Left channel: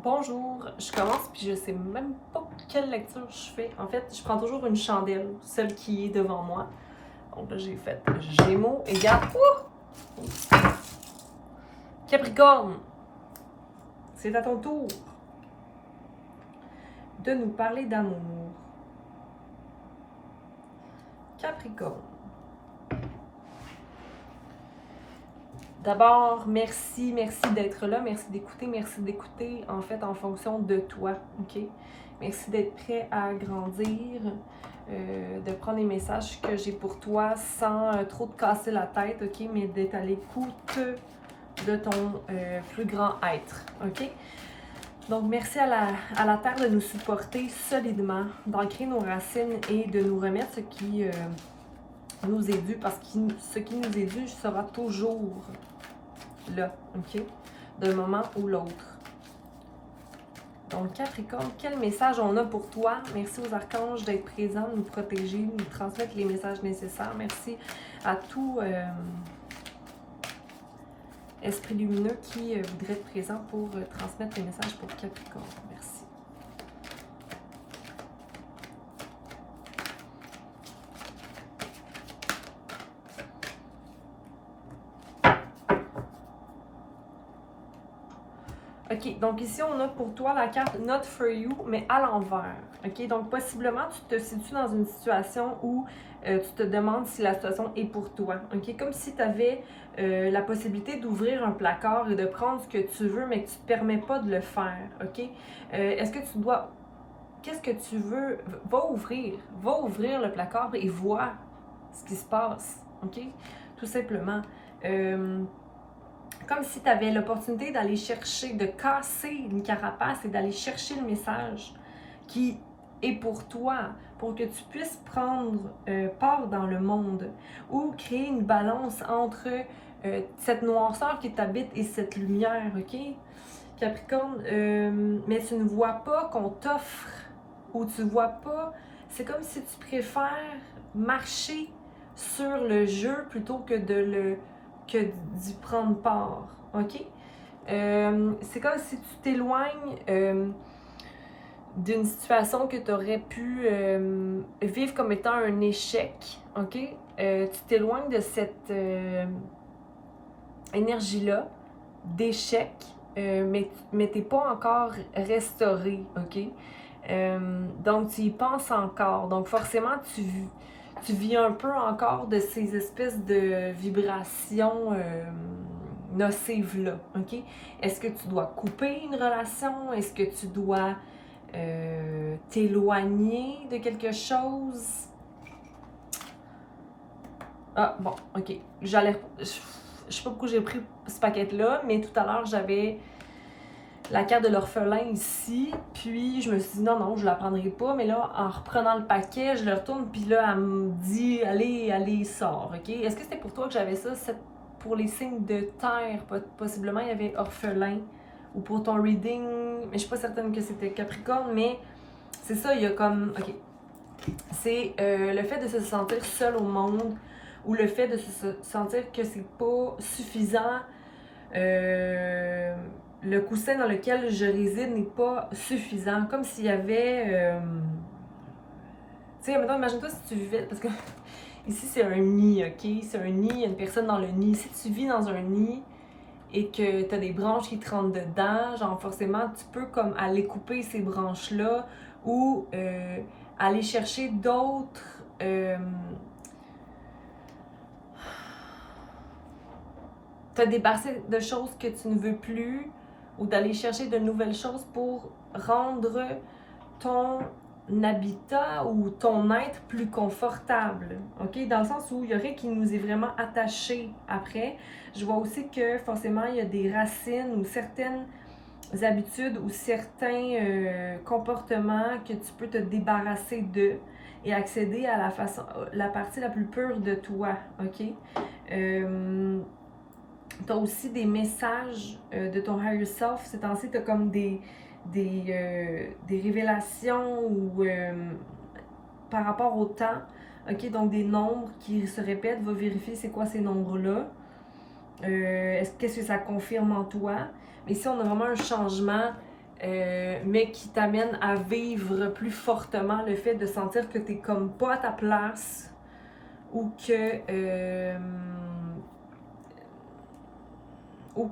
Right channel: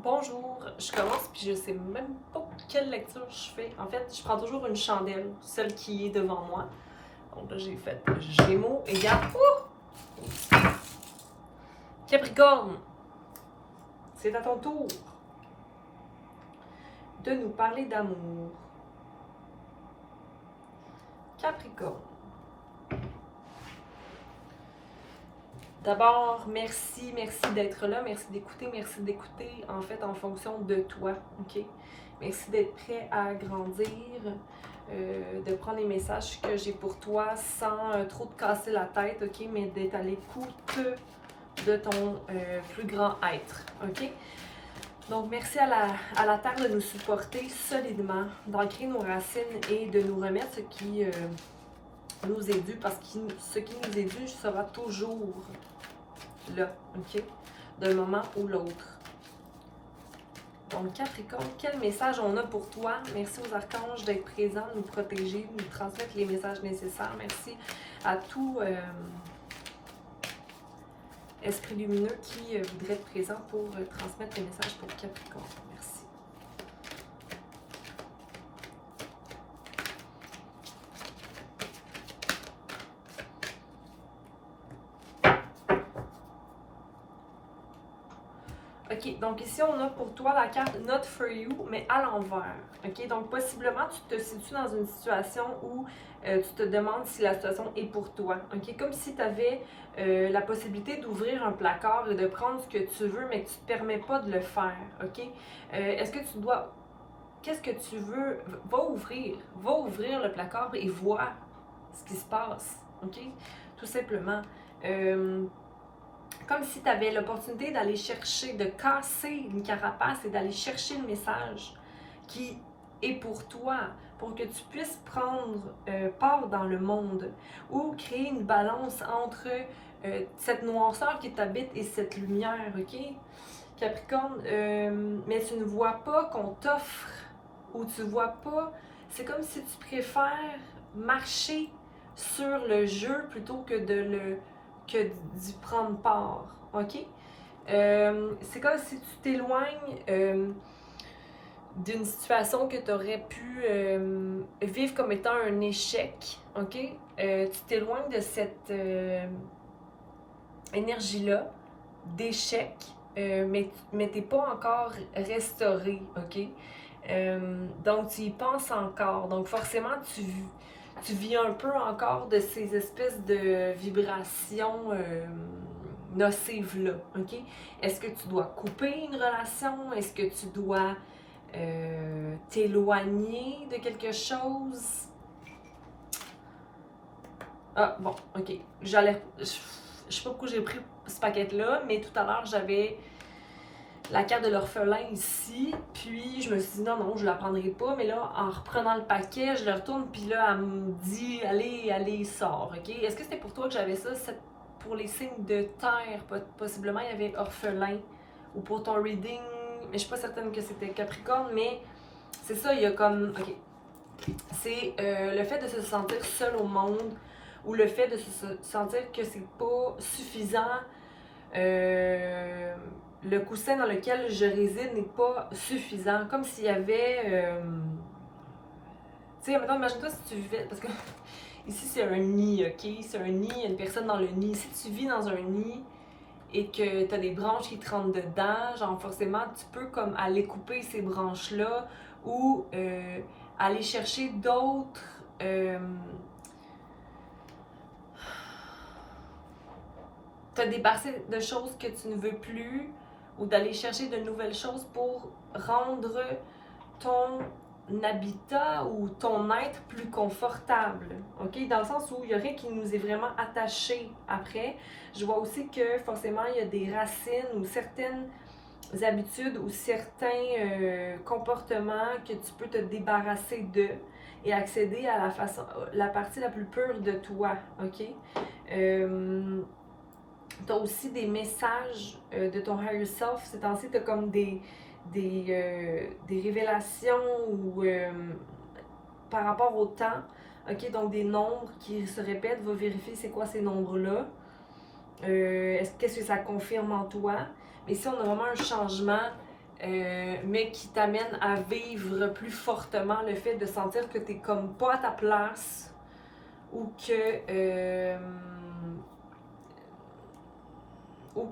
Bonjour, je commence puis je sais même pas quelle lecture je fais. En fait, je prends toujours une chandelle, celle qui est devant moi. Donc là, j'ai fait Gémeaux égale Capricorne. C'est à ton tour de nous parler d'amour. Capricorne. D'abord, merci d'être là, merci d'écouter en fait en fonction de toi, ok? Merci d'être prêt à grandir, de prendre les messages que j'ai pour toi sans trop te casser la tête, ok? Mais d'être à l'écoute de ton plus grand être, ok? Donc, merci à la Terre de nous supporter solidement, d'ancrer nos racines et de nous remettre ce qui nous est dû, parce que ce qui nous est dû sera toujours là, ok? D'un moment ou l'autre. Donc, Capricorne, quel message on a pour toi? Merci aux archanges d'être présents, de nous protéger, de nous transmettre les messages nécessaires. Merci à tout esprit lumineux qui voudrait être présent pour transmettre les messages pour Capricorne. Merci. OK, donc ici, on a pour toi la carte Not for you, mais à l'envers. OK, donc possiblement, tu te situes dans une situation où tu te demandes si la situation est pour toi. OK, comme si tu avais la possibilité d'ouvrir un placard et de prendre ce que tu veux, mais que tu ne te permets pas de le faire. OK, est-ce que tu dois... Qu'est-ce que tu veux? Va ouvrir le placard et vois ce qui se passe. OK, tout simplement. Comme si tu avais l'opportunité d'aller chercher, de casser une carapace et d'aller chercher le message qui est pour toi, pour que tu puisses prendre part dans le monde ou créer une balance entre cette noirceur qui t'habite et cette lumière, ok? Capricorne, mais tu ne vois pas qu'on t'offre ou tu vois pas, c'est comme si tu préfères marcher sur le jeu plutôt que d'y prendre part, ok? C'est comme si tu t'éloignes d'une situation que tu aurais pu vivre comme étant un échec, ok? Tu t'éloignes de cette énergie-là d'échec, mais t'es pas encore restauré, ok? Donc tu y penses encore, donc forcément tu vis un peu encore de ces espèces de vibrations nocives-là, ok? Est-ce que tu dois couper une relation? Est-ce que tu dois t'éloigner de quelque chose? Ah, bon, ok. Je sais pas pourquoi j'ai pris ce paquet-là, mais tout à l'heure, j'avais la carte de l'orphelin ici, puis je me suis dit non, je la prendrai pas, mais là, en reprenant le paquet, je le retourne, puis là, elle me dit allez, sors, ok? Est-ce que c'était pour toi que j'avais ça? Pour les signes de terre, possiblement, il y avait orphelin, ou pour ton reading, mais je suis pas certaine que c'était Capricorne, mais c'est ça, il y a comme, ok, c'est le fait de se sentir seul au monde, ou le fait de se sentir que c'est pas suffisant, le coussin dans lequel je réside n'est pas suffisant. Comme s'il y avait. Tu sais, maintenant, imagine-toi si tu vivais. Parce que ici, c'est un nid, ok? C'est un nid, il y a une personne dans le nid. Si tu vis dans un nid et que tu as des branches qui te rentrent dedans, genre, forcément, tu peux comme aller couper ces branches-là ou aller chercher d'autres. Te débarrasser de choses que tu ne veux plus ou d'aller chercher de nouvelles choses pour rendre ton habitat ou ton être plus confortable, ok? Dans le sens où il y a rien qui nous est vraiment attaché après. Je vois aussi que forcément il y a des racines ou certaines habitudes ou certains comportements que tu peux te débarrasser de et accéder à la partie la plus pure de toi, ok? Tu as aussi des messages de ton higher self. Ces temps-ci, tu as comme des révélations ou par rapport au temps. OK, donc des nombres qui se répètent. Va vérifier c'est quoi ces nombres-là. Qu'est-ce que ça confirme en toi? Mais ici, on a vraiment un changement mais qui t'amène à vivre plus fortement le fait de sentir que tu n'es comme pas à ta place ou que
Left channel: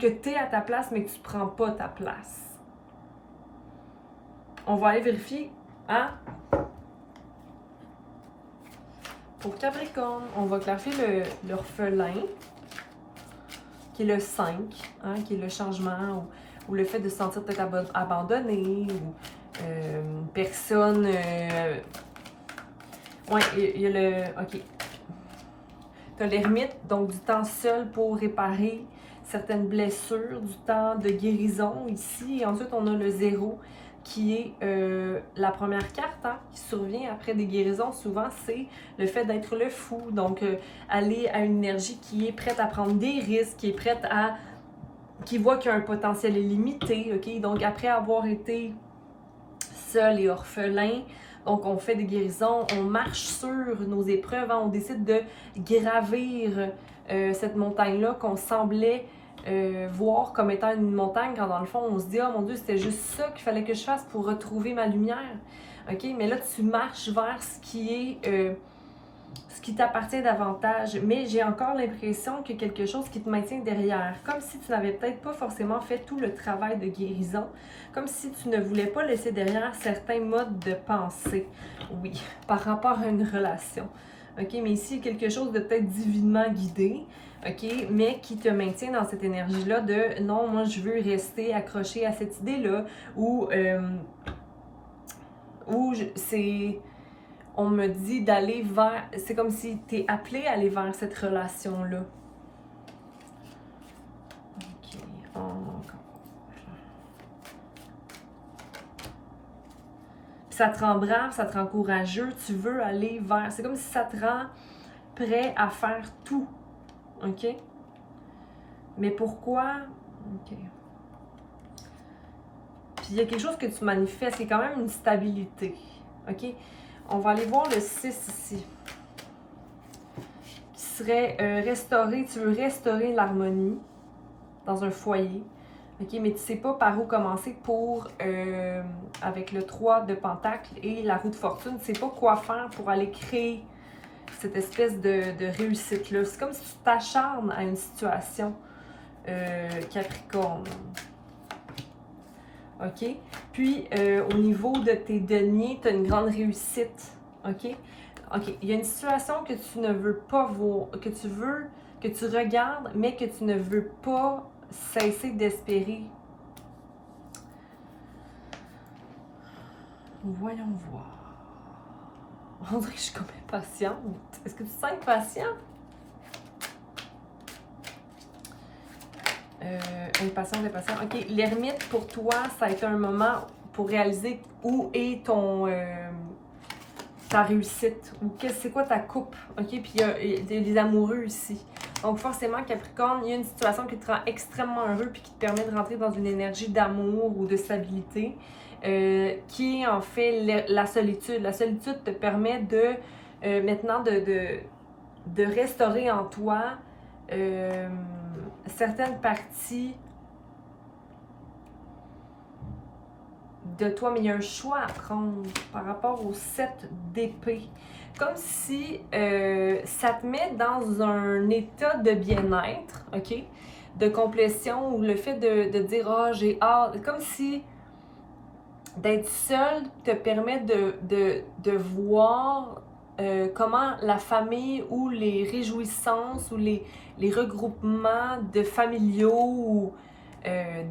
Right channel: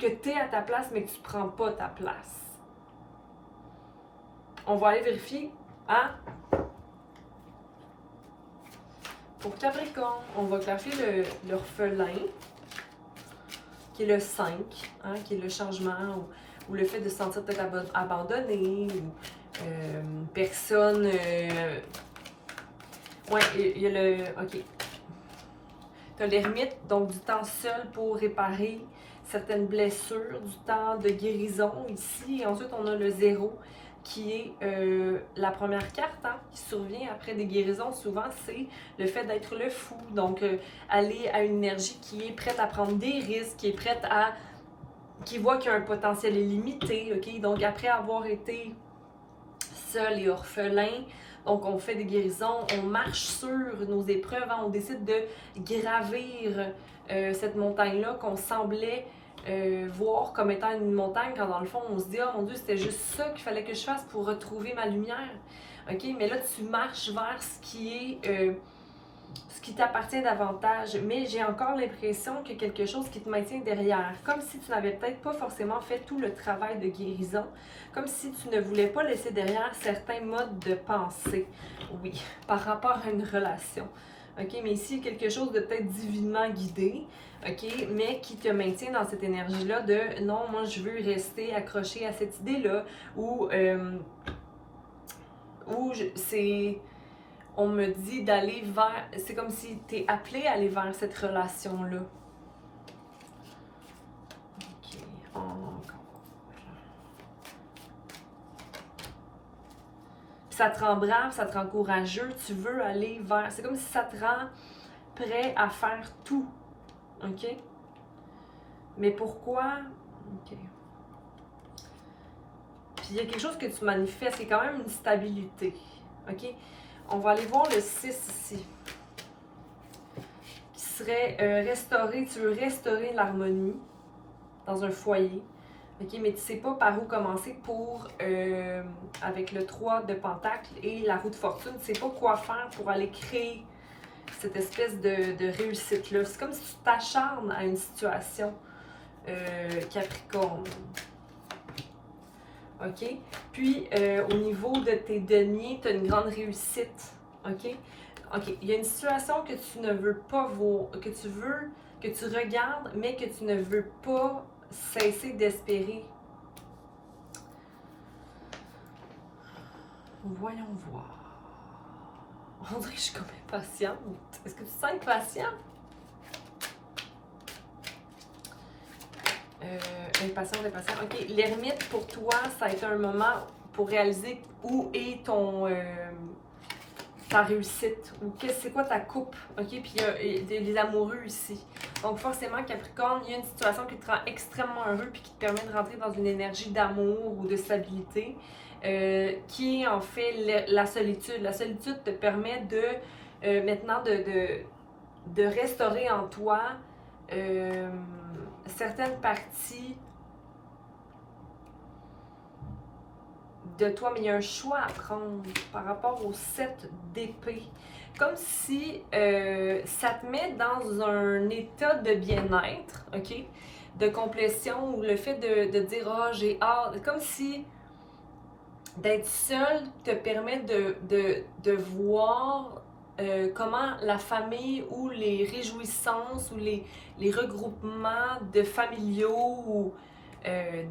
tu es à ta place mais que tu prends pas ta place. On va aller vérifier, hein? Pour Capricorne, on va clarifier l'orphelin, qui est le 5, hein, qui est le changement ou le fait de se sentir peut-être abandonné ou personne. Ouais, il y a le. Ok. Tu as l'ermite, donc du temps seul pour réparer certaines blessures, du temps de guérison ici. Et ensuite, on a le 0 qui est la première carte hein, qui survient après des guérisons. Souvent, c'est le fait d'être le fou. Donc, aller à une énergie qui est prête à prendre des risques, qui est prête à... qui voit qu'il y a un potentiel illimité. OK? Donc, après avoir été seul et orphelin, donc on fait des guérisons, on marche sur nos épreuves, hein, on décide de gravir cette montagne-là qu'on semblait voir comme étant une montagne, quand dans le fond on se dit « Oh mon Dieu, c'était juste ça qu'il fallait que je fasse pour retrouver ma lumière. » OK? Mais là, tu marches vers ce qui est... ce qui t'appartient davantage, mais j'ai encore l'impression qu'il y a quelque chose qui te maintient derrière, comme si tu n'avais peut-être pas forcément fait tout le travail de guérison, comme si tu ne voulais pas laisser derrière certains modes de pensée, oui, par rapport à une relation. OK, mais ici, quelque chose de peut-être divinement guidé, OK, mais qui te maintient dans cette énergie-là de non, moi je veux rester accroché à cette idée-là, ou c'est... On me dit d'aller vers... C'est comme si tu es appelé à aller vers cette relation-là. OK, encore. Puis ça te rend brave, ça te rend courageux, tu veux aller vers... C'est comme si ça te rend prêt à faire tout. OK? Mais pourquoi? OK. Puis il y a quelque chose que tu manifestes, qui est quand même une stabilité. OK? On va aller voir le 6 ici. Qui serait restaurer, tu veux restaurer l'harmonie dans un foyer. OK, mais tu ne sais pas par où commencer pour, avec le 3 de Pentacle et la roue de fortune, tu ne sais pas quoi faire pour aller créer cette espèce de réussite-là. C'est comme si tu t'acharnes à une situation, Capricorne. OK? Puis, au niveau de tes deniers, tu as une grande réussite. OK? OK. Il y a une situation que tu ne veux pas voir, que tu regardes, mais que tu ne veux pas cesser d'espérer. Voyons voir. On dirait que je suis comme impatiente. Est-ce que tu te sens impatient? Impatient. OK, l'ermite, pour toi, ça a été un moment pour réaliser où est ta réussite, ou c'est quoi ta coupe, OK? Puis il y a des amoureux ici. Donc forcément, Capricorne, il y a une situation qui te rend extrêmement heureux puis qui te permet de rentrer dans une énergie d'amour ou de stabilité, qui est en fait la solitude. La solitude te permet de, maintenant, de restaurer en toi certaines parties de toi, mais il y a un choix à prendre par rapport au 7 d'épée. Comme si ça te met dans un état de bien-être, OK? De complétion, ou le fait de dire « Ah, j'ai hâte », comme si d'être seul te permet de voir comment la famille ou les réjouissances ou les regroupements de familiaux ou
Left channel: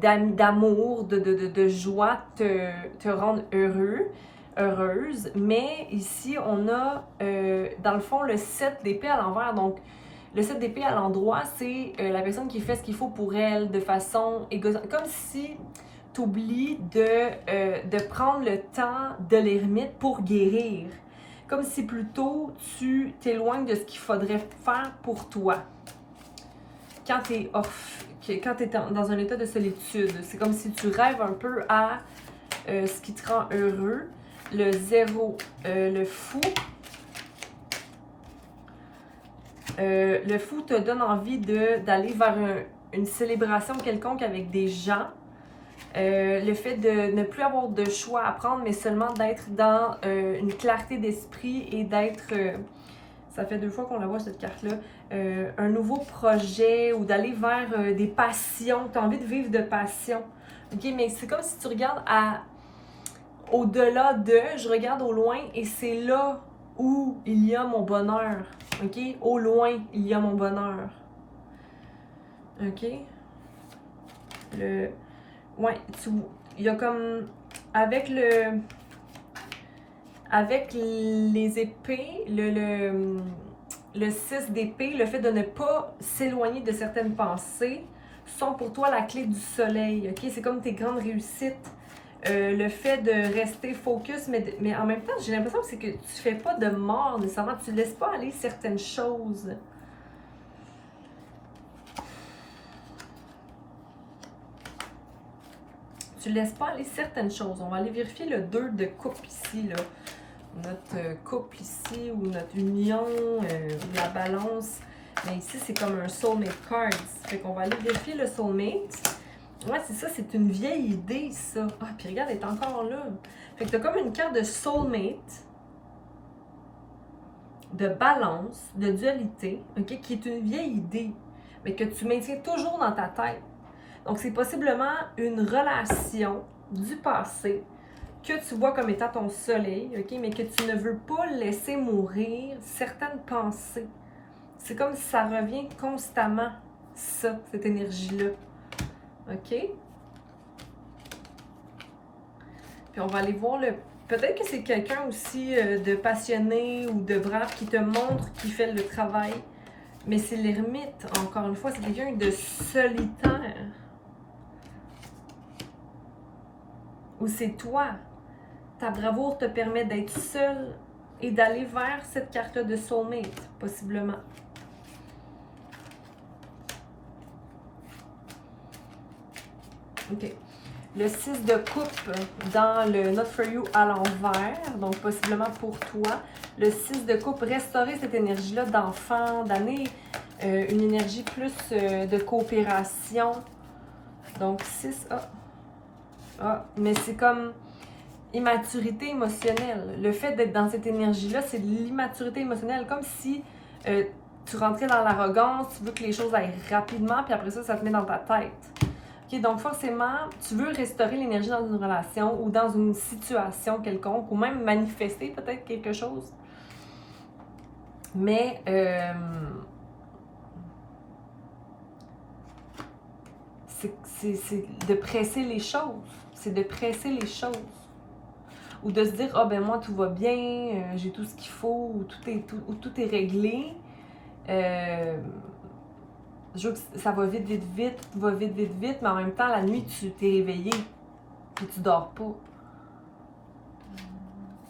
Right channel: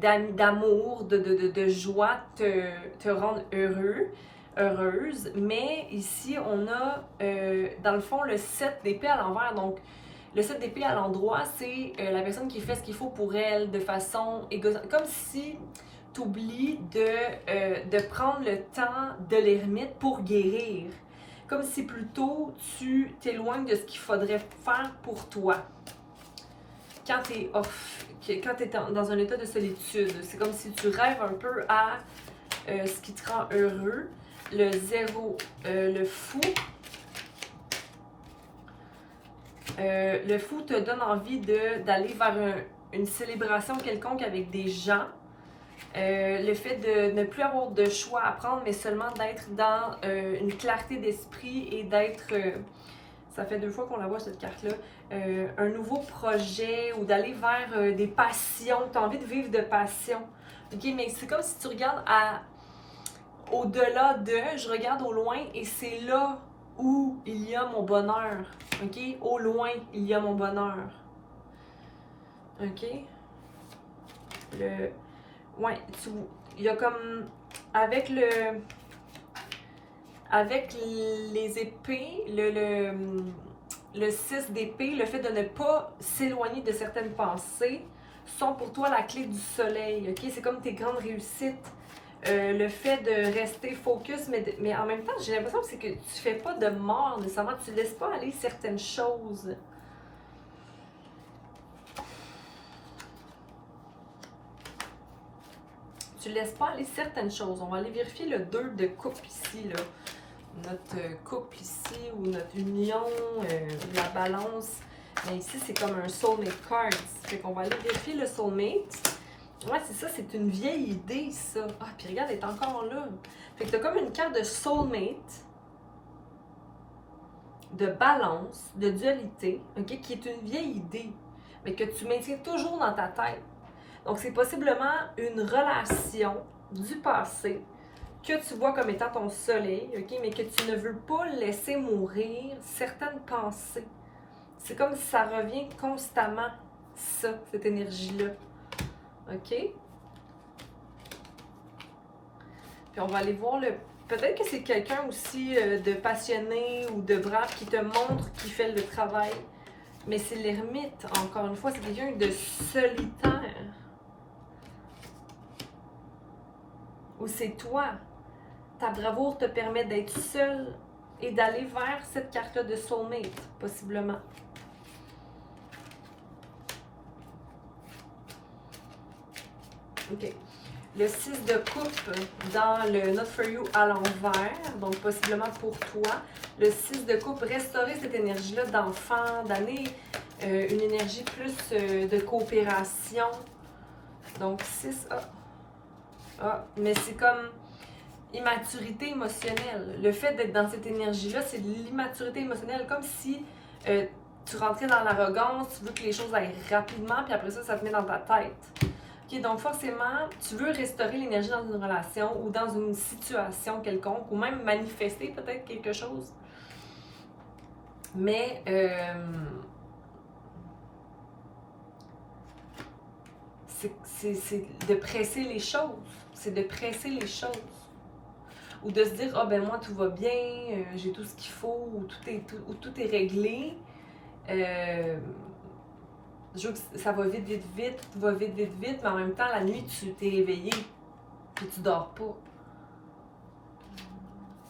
d'amour, de joie te rendent heureuse. Mais ici, on a dans le fond le 7 d'épée à l'envers. Donc, le 7 d'épée à l'endroit, c'est la personne qui fait ce qu'il faut pour elle de façon égoïste. Comme si tu oublies de prendre le temps de l'ermite pour guérir. Comme si plutôt tu t'éloignes de ce qu'il faudrait faire pour toi. Quand tu es dans un état de solitude, c'est comme si tu rêves un peu à ce qui te rend heureux. Le 0, le fou. Le fou te donne envie d'aller vers une célébration quelconque avec des gens. Le fait de ne plus avoir de choix à prendre, mais seulement d'être dans une clarté d'esprit et d'être... ça fait 2 fois qu'on la voit cette carte-là. Un nouveau projet ou d'aller vers des passions. Tu as envie de vivre de passion. OK, mais c'est comme si tu regardes au-delà de, je regarde au loin et c'est là où il y a mon bonheur. OK? Au loin, il y a mon bonheur. OK? Ouais, il y a comme... Avec les épées, le 6 d'épée, le fait de ne pas s'éloigner de certaines pensées sont pour toi la clé du soleil. OK? C'est comme tes grandes réussites. Le fait de rester focus, mais en même temps, j'ai l'impression que c'est que tu fais pas de mort nécessairement. Tu laisses pas aller certaines choses. Tu laisses pas aller certaines choses. On va aller vérifier le 2 de coupe ici, là. Notre couple ici, ou notre union, la balance. Mais ici, c'est comme un soulmate cards. Fait qu'on va aller vérifier le soulmate. Ouais, c'est ça, c'est une vieille idée, ça. Ah, puis regarde, elle est encore là. Fait que t'as comme une carte de soulmate, de balance, de dualité, ok, qui est une vieille idée, mais que tu maintiens toujours dans ta tête. Donc, c'est possiblement une relation du passé que tu vois comme étant ton soleil, ok, mais que tu ne veux pas laisser mourir certaines pensées. C'est comme si ça revient constamment, ça, cette énergie-là. OK? Puis on va aller voir le... Peut-être que c'est quelqu'un aussi de passionné ou de brave qui te montre qui fait le travail. Mais c'est l'ermite, encore une fois, c'est quelqu'un de solitaire. Ou c'est toi. Ta bravoure te permet d'être seul et d'aller vers cette carte-là de soulmate, possiblement. OK. Le 6 de coupe dans le Not For You à l'envers, donc possiblement pour toi. Le 6 de coupe, restaurer cette énergie-là d'enfant, d'année, une énergie plus de coopération. Donc 6, mais c'est comme immaturité émotionnelle. Le fait d'être dans cette énergie-là, c'est de l'immaturité émotionnelle, comme si tu rentrais dans l'arrogance, tu veux que les choses aillent rapidement, puis après ça, ça te met dans ta tête. OK, donc forcément, tu veux restaurer l'énergie dans une relation ou dans une situation quelconque, ou même manifester peut-être quelque chose. Mais c'est de presser les choses. C'est de presser les choses. Ou de se dire, ah ben moi tout va bien, j'ai tout ce qu'il faut, ou tout est réglé. Je veux que ça va vite, vite, vite, tout va vite, vite, vite, mais en même temps, la nuit, tu t'es réveillé, puis tu dors pas.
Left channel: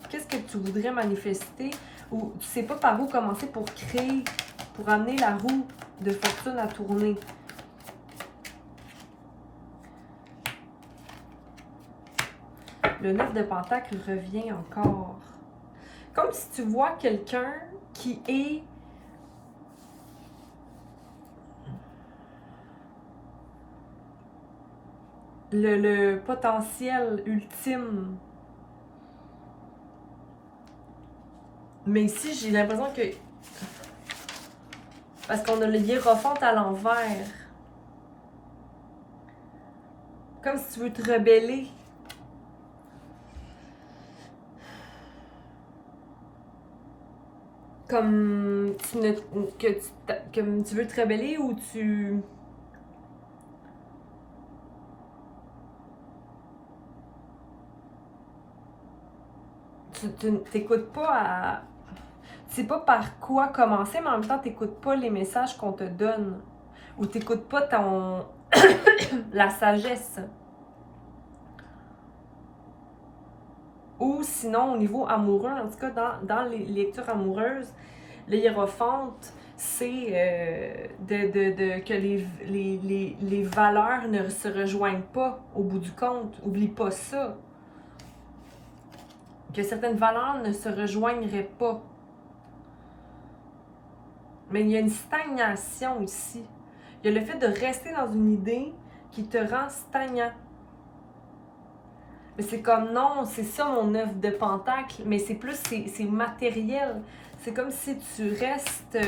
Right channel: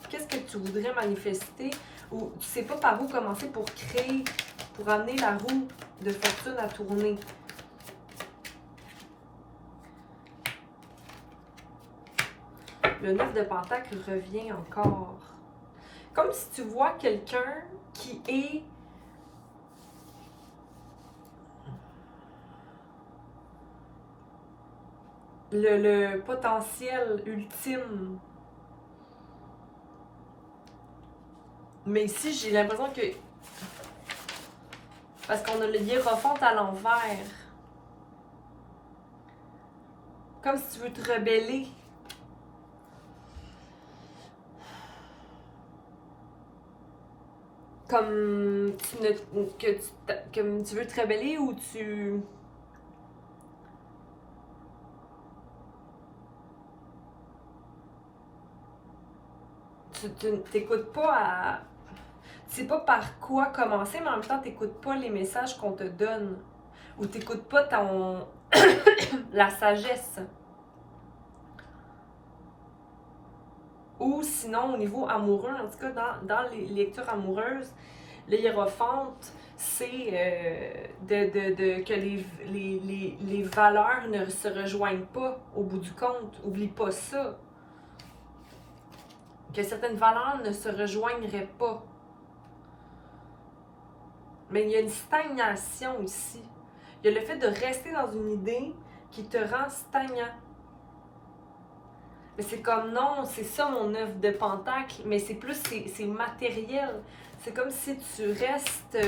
Qu'est-ce que tu voudrais manifester, ou tu sais pas par où commencer pour créer, pour amener la roue de fortune à tourner. Le 9 de Pentacle revient encore. Comme si tu vois quelqu'un qui est le potentiel ultime. Mais ici, j'ai l'impression que... Parce qu'on a le hiérophant à l'envers. Comme si tu veux te rebeller. Comme tu veux te rebeller ou tu... Tu t'écoutes pas à... Tu sais pas par quoi commencer, mais en même temps, t'écoutes pas les messages qu'on te donne. Ou t'écoutes pas ton... la sagesse. Ou sinon, au niveau amoureux, en tout cas, dans les lectures amoureuses, le hiérophante, c'est que les valeurs ne se rejoignent pas au bout du compte. Oublie pas ça. Que certaines valeurs ne se rejoindraient pas. Mais il y a une stagnation ici. Il y a le fait de rester dans une idée qui te rend stagnant. Mais c'est comme non, c'est ça mon 9 de pentacle, mais c'est plus, c'est matériel. C'est comme si tu restes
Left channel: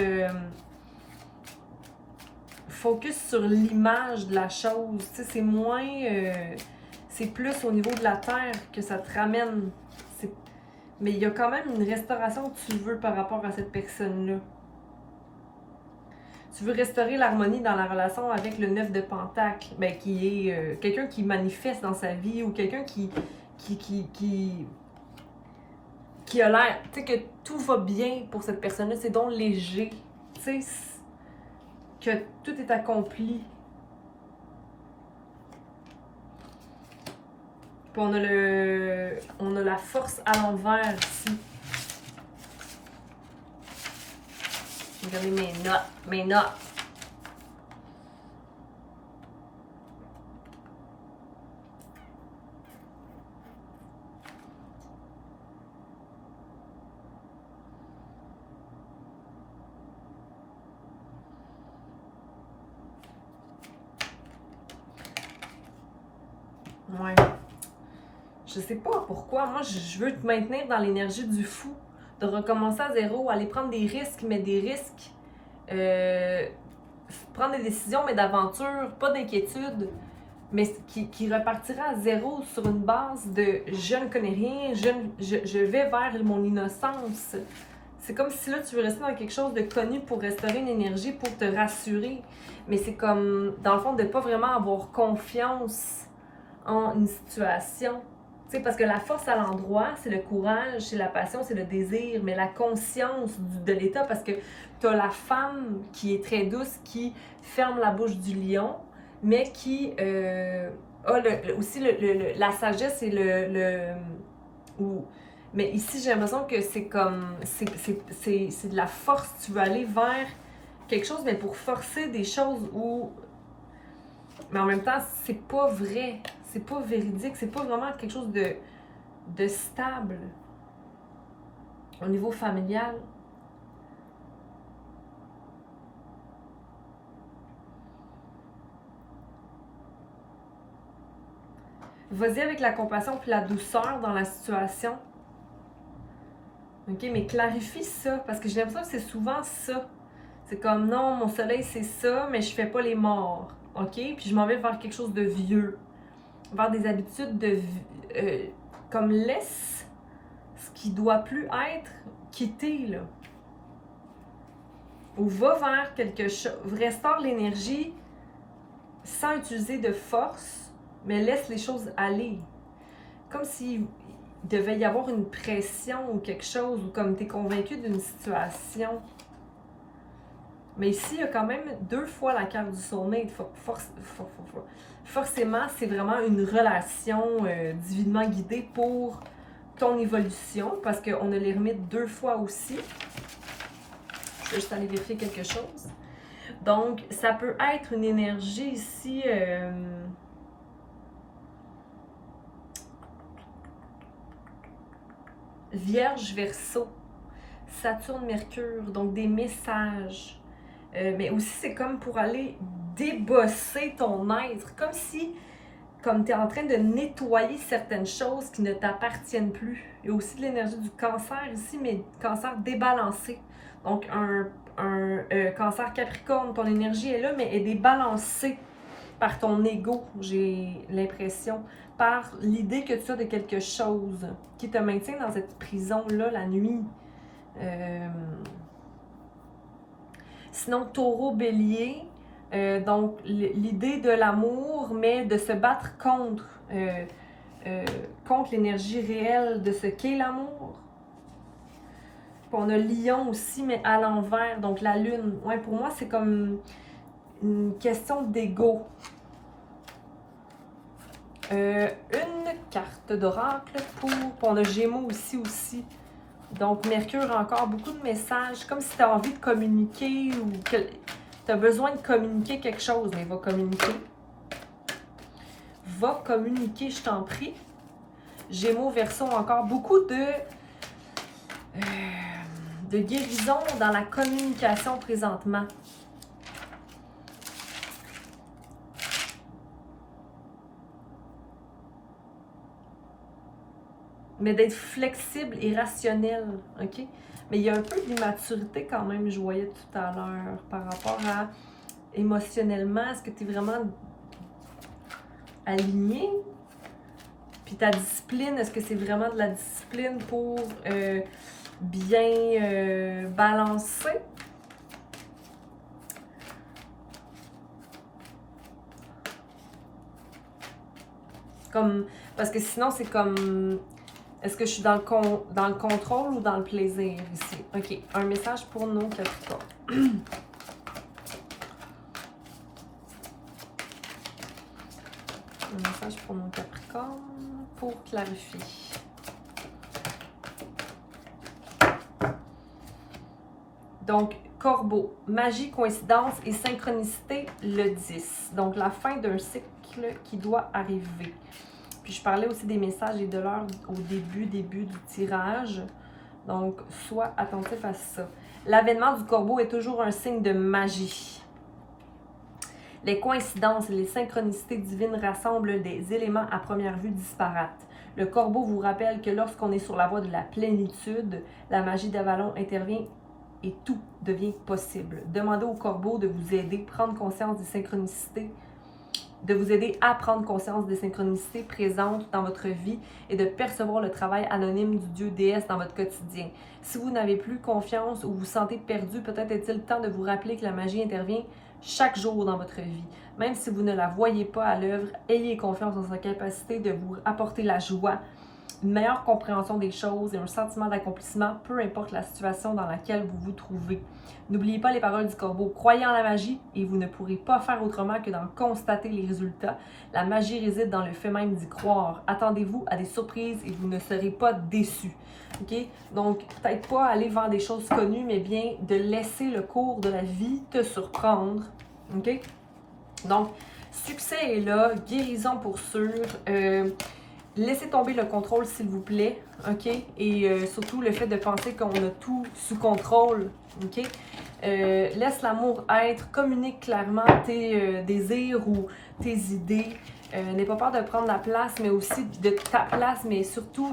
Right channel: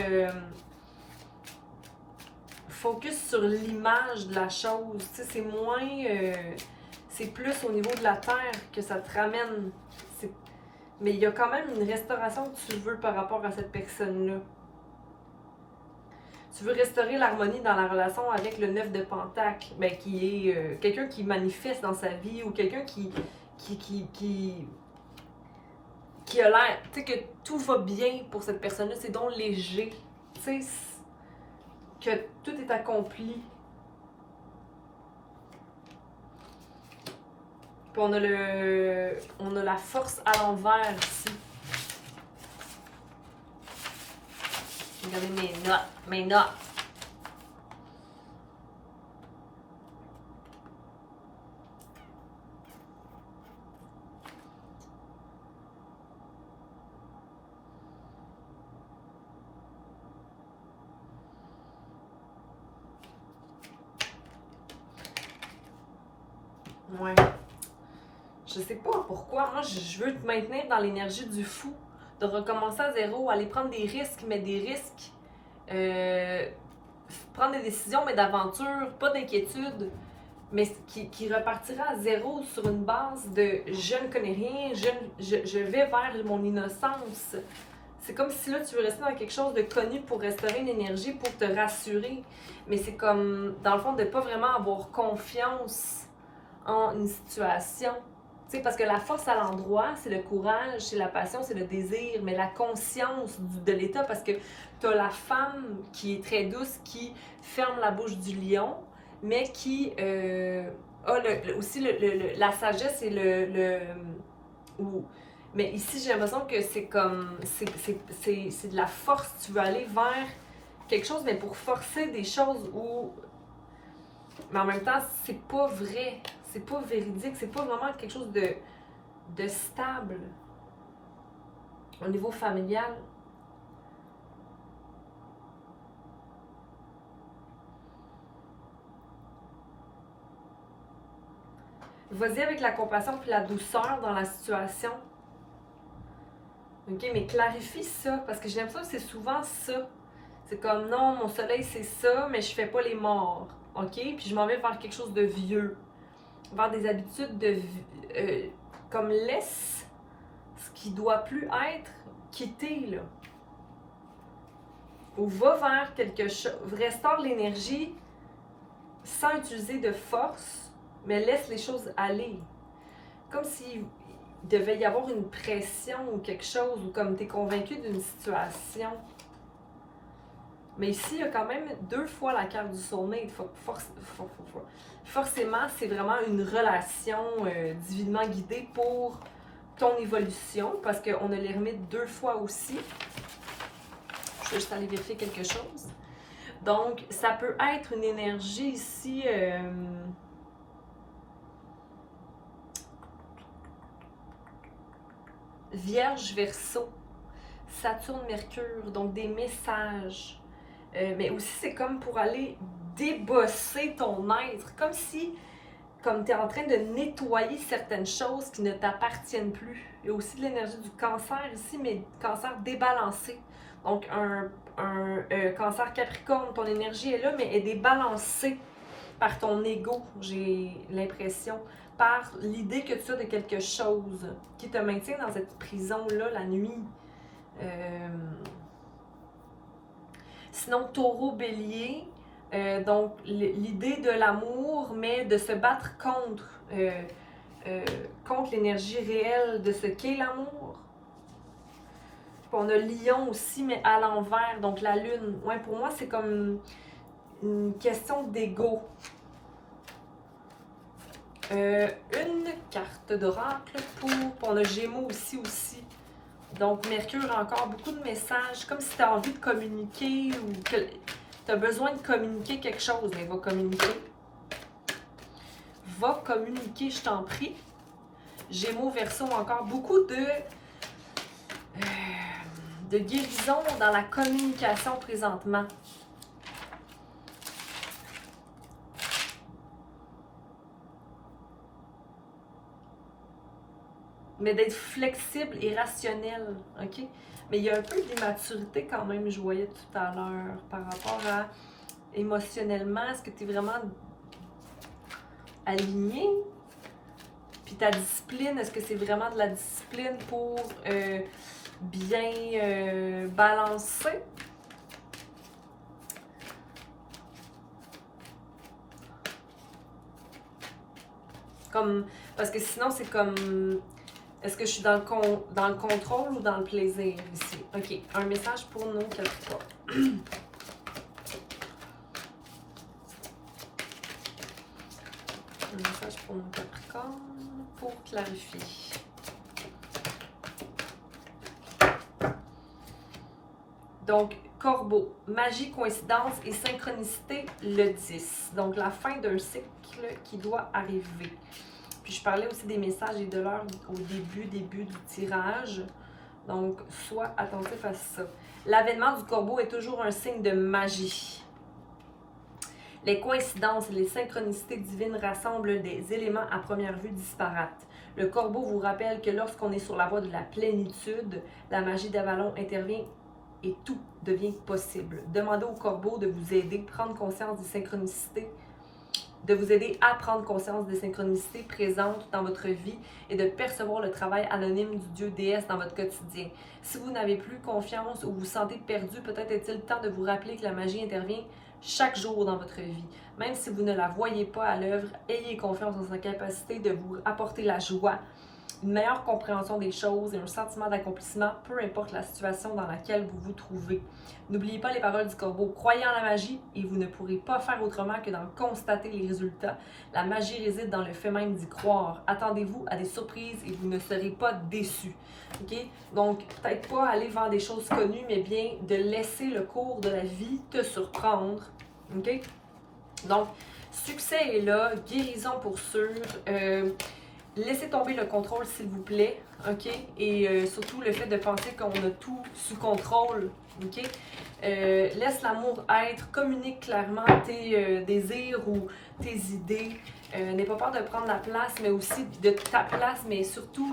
focus sur l'image de la chose. Tu sais, c'est moins. C'est plus au niveau de la terre que ça te ramène. Mais il y a quand même une restauration que tu veux par rapport à cette personne-là. Tu veux restaurer l'harmonie dans la relation avec le 9 de pentacle, ben, qui est quelqu'un qui manifeste dans sa vie ou quelqu'un qui a l'air, tu sais, que tout va bien pour cette personne-là, c'est donc léger, tu sais, que tout est accompli. Puis on a la force à l'envers ici. Regardez mes notes. Ouais. Je sais pas pourquoi. Moi, je veux te maintenir dans l'énergie du fou. De recommencer à zéro, aller prendre des risques, mais des risques. Prendre des décisions, mais d'aventure, pas d'inquiétude. Mais qui repartira à zéro sur une base de je ne connais rien, je vais vers mon innocence. C'est comme si là, tu veux rester dans quelque chose de connu pour restaurer une énergie, pour te rassurer. Mais c'est comme, dans le fond, de pas vraiment avoir confiance en une situation. Tu sais, parce que la force à l'endroit, c'est le courage, c'est la passion, c'est le désir, mais la conscience de l'état, parce que tu as la femme qui est très douce, qui ferme la bouche du lion, mais qui a aussi la sagesse et mais ici, j'ai l'impression que c'est comme, c'est de la force, tu veux aller vers quelque chose, mais pour forcer des choses où, mais en même temps, c'est pas vrai. C'est pas véridique, c'est pas vraiment quelque chose de stable au niveau familial. Vas-y avec la compassion puis la douceur dans la situation. OK, mais clarifie ça, parce que j'ai l'impression que c'est souvent ça. C'est comme, non, mon soleil, c'est ça, mais je fais pas les morts. OK? Puis je m'en vais vers quelque chose de vieux. Vers des habitudes de... comme laisse ce qui doit plus être quitté, là. Ou va vers quelque chose, restaure l'énergie sans utiliser de force, mais laisse les choses aller. Comme s'il devait y avoir une pression ou quelque chose, ou comme tu es convaincu d'une situation. Mais ici, il y a quand même 2 fois la carte du soulmate. Forcément, c'est vraiment une relation divinement guidée pour ton évolution, parce qu'on a l'ermite 2 fois aussi. Je vais juste aller vérifier quelque chose. Donc, ça peut être une énergie ici... Vierge Verseau, Saturne Mercure, donc des messages. Mais aussi, c'est comme pour aller débosser ton être, comme si, comme tu es en train de nettoyer certaines choses qui ne t'appartiennent plus. Il y a aussi de l'énergie du cancer ici, mais cancer débalancé. Donc, un cancer Capricorne, ton énergie est là, mais elle est débalancée par ton ego, j'ai l'impression, par l'idée que tu as de quelque chose qui te maintient dans cette prison-là la nuit. Sinon, taureau, bélier, donc l'idée de l'amour, mais de se battre contre l'énergie réelle de ce qu'est l'amour. Puis on a lion aussi, mais à l'envers, donc la lune. Ouais, pour moi, c'est comme une question d'ego. Une carte d'oracle pour... On a Gémeaux aussi. Donc, Mercure a encore beaucoup de messages, comme si tu as envie de communiquer ou que tu as besoin de communiquer quelque chose, mais va communiquer. Va communiquer, je t'en prie. Gémeaux, Verseau, encore beaucoup de guérison dans la communication présentement. mais d'être flexible et rationnel, OK? Mais il y a un peu d'immaturité quand même, je voyais tout à l'heure, par rapport à émotionnellement, est-ce que tu es vraiment aligné? Puis ta discipline, est-ce que c'est vraiment de la discipline pour bien balancer? Comme, parce que sinon, c'est comme, est-ce que je suis dans le contrôle ou dans le plaisir ici? OK, un message pour nos Capricornes. Un message pour nos Capricornes pour clarifier. Donc, Corbeau, magie, coïncidence et synchronicité, le 10. Donc, la fin d'un cycle qui doit arriver. Puis, je parlais aussi des messages et de l'heure au début du tirage. Donc, sois attentif à ça. L'avènement du Corbeau est toujours un signe de magie. Les coïncidences et les synchronicités divines rassemblent des éléments à première vue disparates. Le Corbeau vous rappelle que lorsqu'on est sur la voie de la plénitude, la magie d'Avalon intervient et tout devient possible. Demandez au Corbeau de vous aider à prendre conscience des synchronicités, de vous aider à prendre conscience des synchronicités présentes dans votre vie et de percevoir le travail anonyme du Dieu déesse dans votre quotidien. Si vous n'avez plus confiance ou vous vous sentez perdu, peut-être est-il temps de vous rappeler que la magie intervient chaque jour dans votre vie. Même si vous ne la voyez pas à l'œuvre, ayez confiance en sa capacité de vous apporter la joie, une meilleure compréhension des choses et un sentiment d'accomplissement, peu importe la situation dans laquelle vous vous trouvez. N'oubliez pas les paroles du Corbeau. Croyez en la magie et vous ne pourrez pas faire autrement que d'en constater les résultats. La magie réside dans le fait même d'y croire. Attendez-vous à des surprises et vous ne serez pas déçus. OK? Donc, peut-être pas aller vers des choses connues, mais bien de laisser le cours de la vie te surprendre. OK? Donc, succès est là, guérison pour sûr. Laissez tomber le contrôle, s'il vous plaît, OK? Et surtout, le fait de penser qu'on a tout sous contrôle, OK? Laisse l'amour être, communique clairement tes désirs ou tes idées. N'aie pas peur de prendre la place, mais aussi de ta place, mais surtout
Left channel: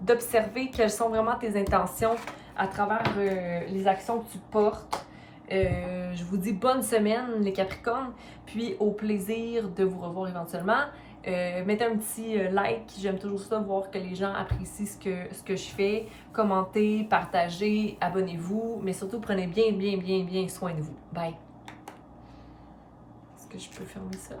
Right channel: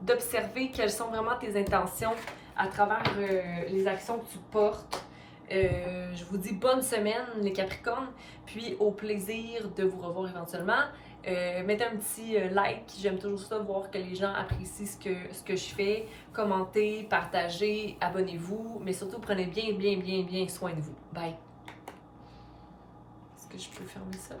d'observer quelles sont vraiment tes intentions à travers les actions que tu portes. Je vous dis bonne semaine, les Capricornes, puis au plaisir de vous revoir éventuellement. Mettez un petit like, j'aime toujours ça, voir que les gens apprécient ce que je fais. Commentez, partagez, abonnez-vous, mais surtout prenez bien soin de vous. Bye! Est-ce que je peux fermer ça?